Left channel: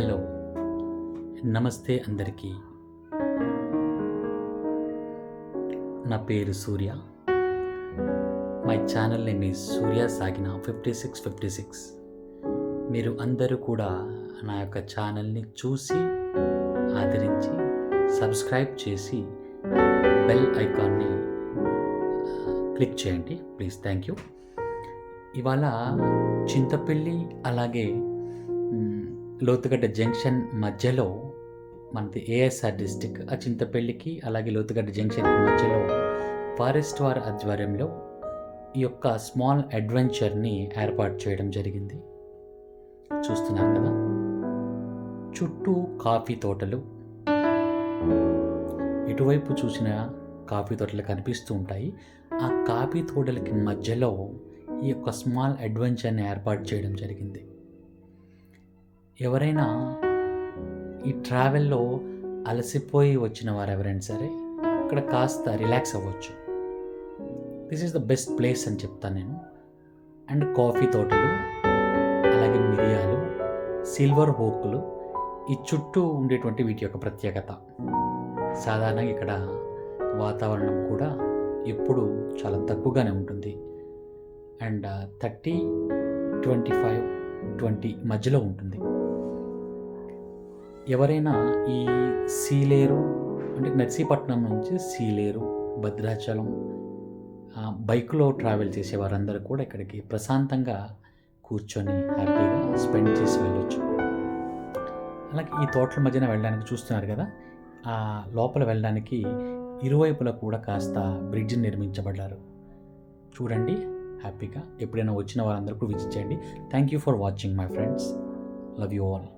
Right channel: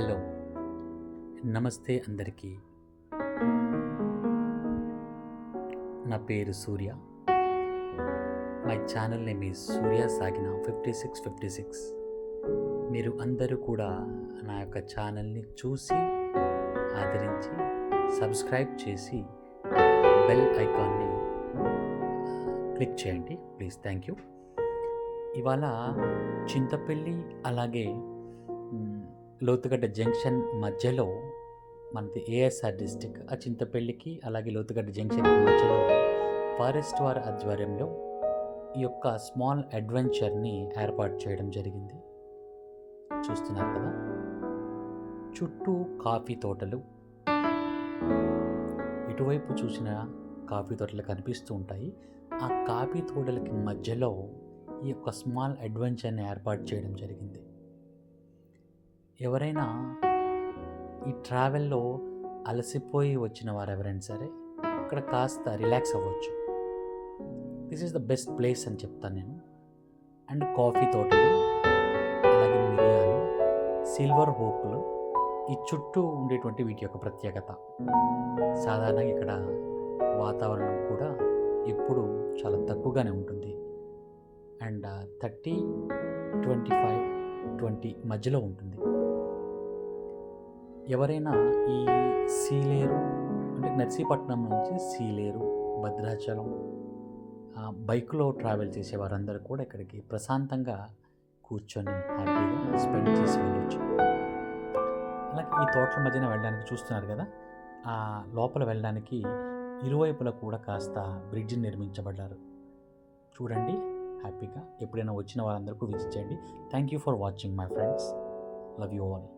Hello, నమస్తే అందరికీ. నా పేరు సూర్య. మై ఛానల్ నేమ్ ఈజ్ సూర్య సాగిన 5656. మీరు అందరూ కూడా నా యొక్క ఛానల్ని చూసి ఆదరించి సబ్స్క్రైబ్ చేసి బెల్ ఐకాన్ని క్లిక్ చేయండి ప్లీజ్. Thank you. ఇవాళ చింతపల్లి అలాగే లోతుగడ్డ జంక్షన్ మధ్యలో మనది ఏఎస్ఆర్ డిస్టిక్, ఆ చింతపల్లికి అలాగే లోతుగడ్డ జంక్షన్కి మధ్యలో ఫారెస్ట్ వారి ఆధ్వర్యంలో ఈ యొక్క స్మాల్ అడ్వెంచర్ని ఏర్పాటు చేయడం జరిగింది. చూస్తున్నారు కదా, చుట్టూ కాఫీ తోటలు, ఇటువైపు చూసిన కాఫీ తోటలు కనిపిస్తూ ఉంటాయి. ఆ కాఫీ తోటలకి మధ్యలో ఈ యొక్క స్మాల్ అడ్వెంచర్ని ఏర్పాటు చేయడం జరిగింది. ఎవరైనా ఈ ట్రావెల్లో అలసిపోయి వచ్చిన వారు ఎవరైనా సరే ఇక్కడ కాస్త రిలాక్స్ అవ్వచ్చు. This is the best place అని చెప్తాను నేను. అండ్ కాఫీ తోటలు, అలాగే మిరియాలు, సిల్వర్ హోకులు ఈ చుట్టూ ఉండేటువంటి వీటి యొక్క ప్రత్యేకత. సాధారణంగా ఇక్కడ వాతావరణం కూడా ఎప్పుడు చాలా తక్కువగానే ఉంటుంది. అండ్ 30, 25, 20 మధ్యలో ఉంటుంది. ఎవరైనా ఈ సీలేరు అంటే నర్సీపట్నం నుంచి సీలేరు, భద్రాచలం బైక్లో ట్రావెల్ చేసే వారందరూ కూడా ఇక్కడికి ప్రశాంతంగా కూర్చొని హ్యాపీగా స్పెండ్ చేసి వెళ్ళొచ్చు. అలాగే ఈ తోటల మధ్యన వెళ్ళడానికి చూస్తున్నారు కదా, ఆ లోపల వెళ్ళడానికి ఇరువైపులా కూడా కాస్త బ్రిడ్జ్ నిర్మించబడ్డారు. చూడండి హ్యాపీగా. ఎప్పుడైనా వచ్చిన వారందరూ కూడా విజిట్ చేయండి. Thank you for watching my friends. Love you all.